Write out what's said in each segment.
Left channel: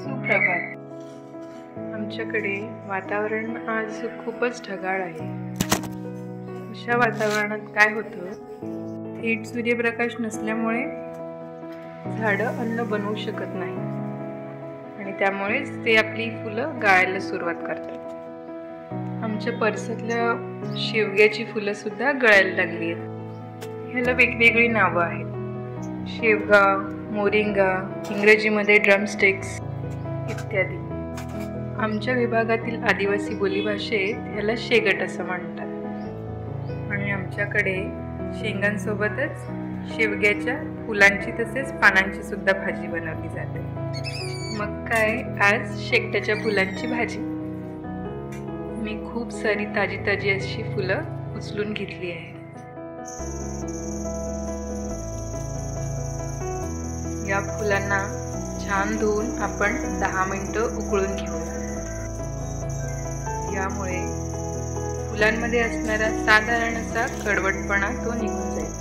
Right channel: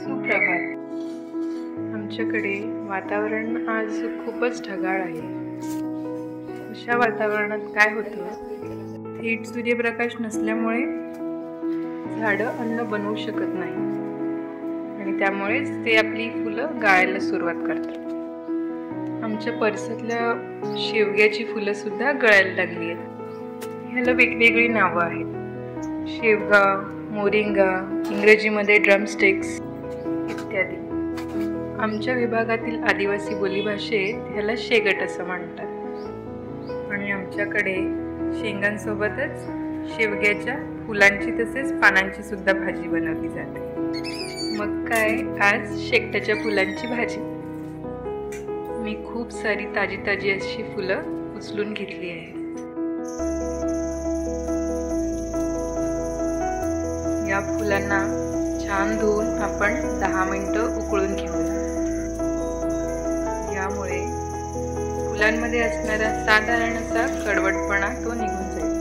सुप्रभात. आमच्याकडे वातावरण आज खूपच ढगाळ आहे. अशा वातावरणात काय होतं, थेट सूर्यप्रकाश नसल्यामुळे झाडं अन्न बनवू शकत नाही आणि त्यामुळेच ते आपली फुलं गळायला सुरुवात करतात. आमच्या परिसरातल्या शेवग्याची फुलं सुद्धा गळायला लागली आहेत. ह्याला वेगवेगळी नावं आहेत. शेवगा, मोरिंगा, इंग्रजीमध्ये ड्रमस्टिक्स इत्यादी. आमच्या विभागातील आदिवासी बोलीभाषेत ह्याला शेगट असं म्हणतात. आणि आमच्याकडे शेंगांसोबतच शेवग्याच्या फुलांची तसेच पानांची सुद्धा भाजी बनवली जाते. मग काय, आज शेकटाच्या फुलांची भाजी. मी खूप सारी ताजी ताजी अशी फुलं उचलून घेतली आहे. या फुलांना छान धुवून आपण 10 मिनिटं उकळून घेऊया. यामुळे फुलांमध्ये असणारा साधारण असा कडवटपणा तो निघून जाईल.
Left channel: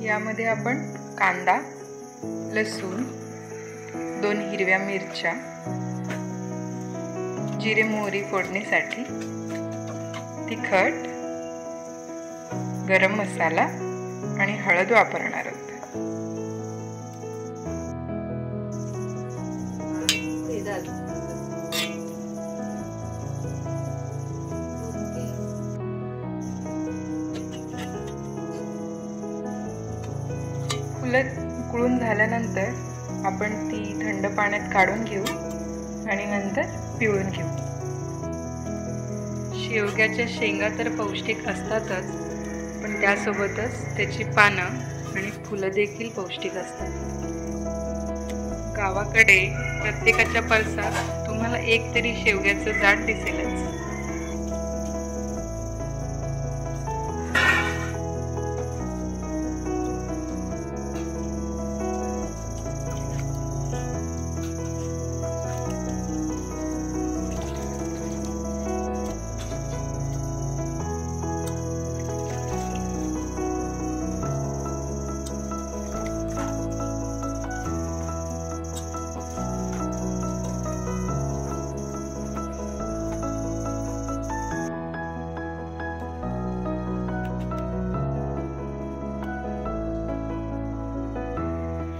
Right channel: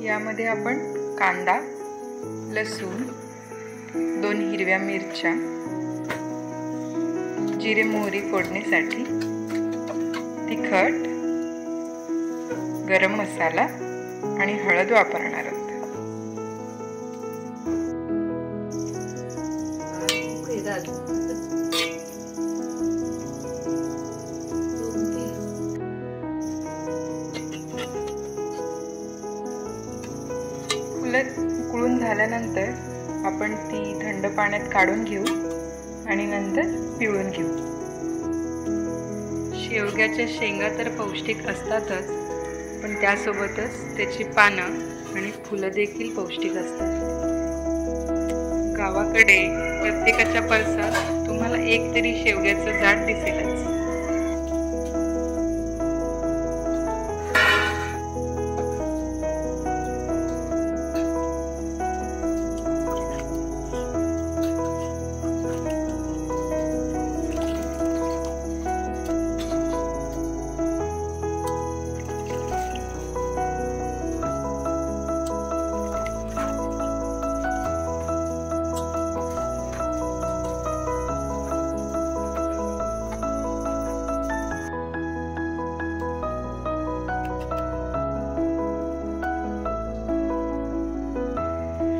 यामध्ये आपण कांदा, लसूण, 2 हिरव्या मिरच्या, जिरे मोहरी फोडणीसाठी, तिखट, गरम मसाला आणि हळद वापरणार आहोत. फुलं उकळून झाल्यानंतर आपण ती थंड पाण्यात काढून घेऊ आणि नंतर पिळून घेऊ. शेवग्याच्या शेंगा तर पौष्टिक असतातच, पण त्यासोबतच त्याची पानं आणि फुलं देखील पौष्टिक असतात. गावाकडे प्रत्येकाच्या परसात तुम्हाला एक तरी शेवग्याचं झाड दिसेलच.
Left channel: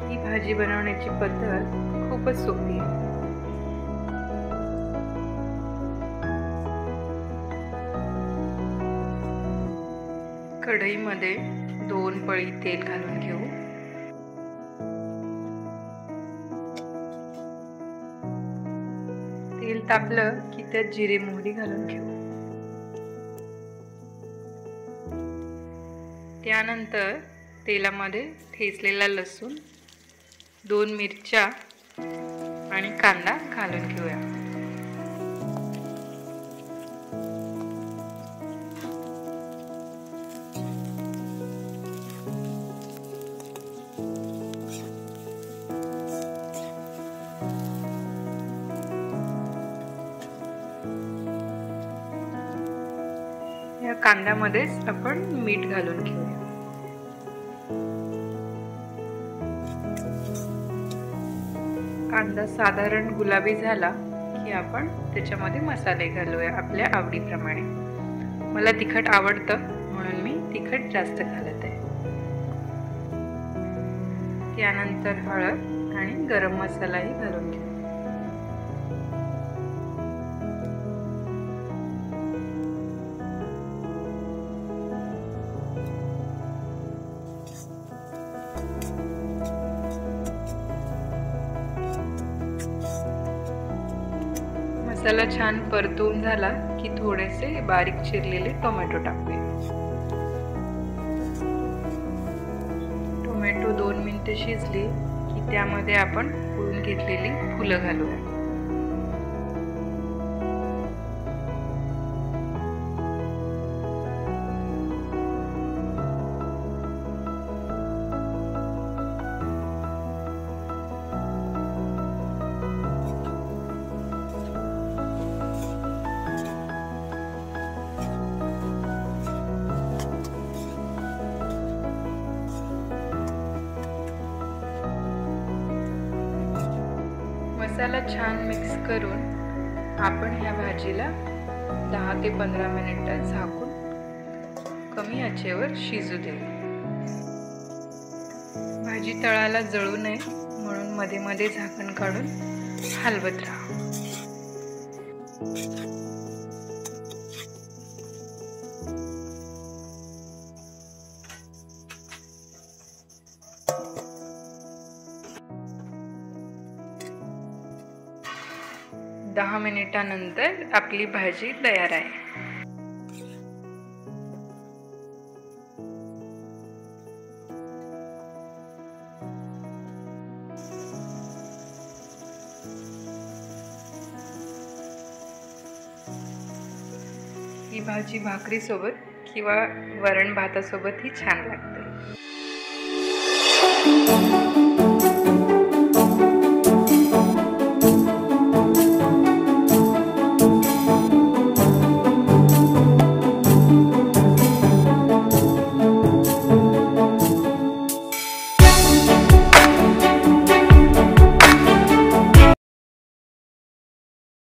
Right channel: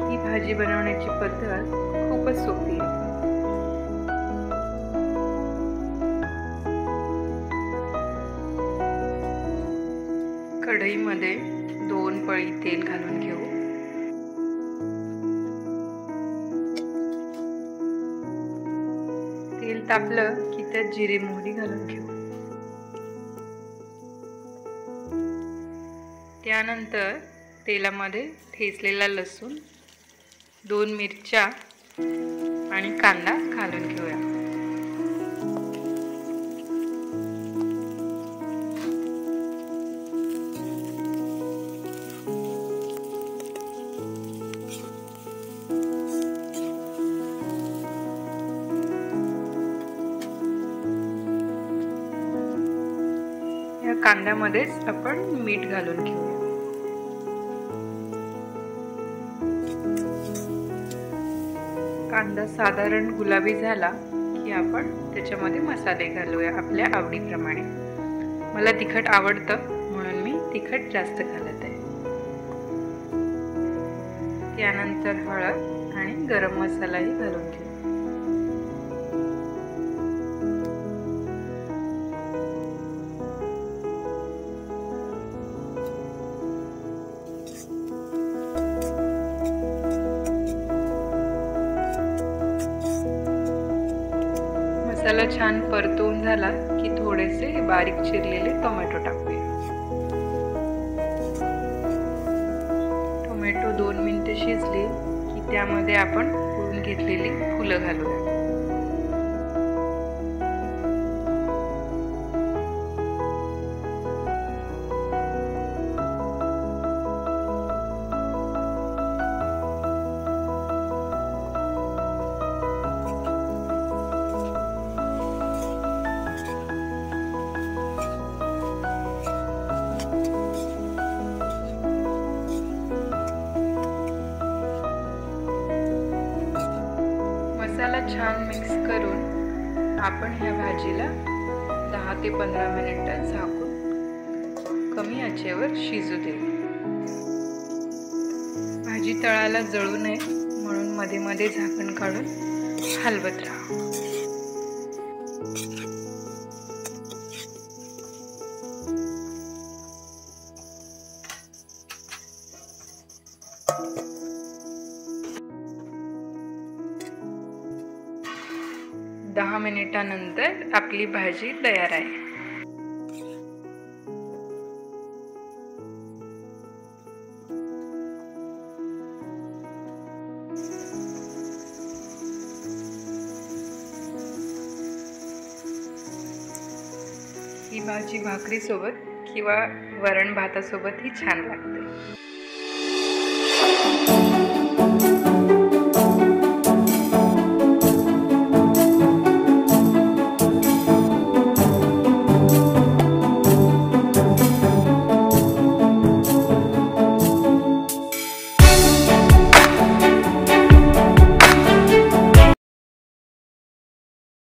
ही भाजी बनवण्याची पद्धत खूपच सोपी आहे. कढईमध्ये 2 पळी तेल घालून घेऊ. तेल तापलं की त्यात जिरे मोहरी घालून घेऊ. त्यानंतर तेलामध्ये ठेचलेला लसूण, 2 मिरच्या आणि कांदा घालून घेऊया. या कांद्यामध्येच आपण मीठ घालून घेऊया. कांदा साधारण गुलाबी झाला की आपण त्याच्यामध्ये मसाले घालूया आपल्या आवडीप्रमाणे. मला तिखट आवडतं म्हणून मी तिखट जास्त घालत आहे. त्यानंतर हळद आणि गरम मसालाही घालून घेऊ. मसाला छान परतून झाला की थोडेसे बारीक चिरलेले टोमॅटो टाकूया. टोमॅटो 2 मिनिटे शिजली की त्यामध्ये आपण उकळून घेतलेली फुलं घालूया. मसाला छान मिक्स करून आपण ह्या भाजीला 10 ते 15 मिनिटं झाकून कमी आचेवर शिजू देऊ. भाजी तळाला जळू नये म्हणून मध्ये मध्ये झाकण काढून हलवत राहा. दहा मिनिटानंतर आपली भाजी तयार आहे. ही भाजी भाकरीसोबत किंवा वरण भातासोबतही छान लागते.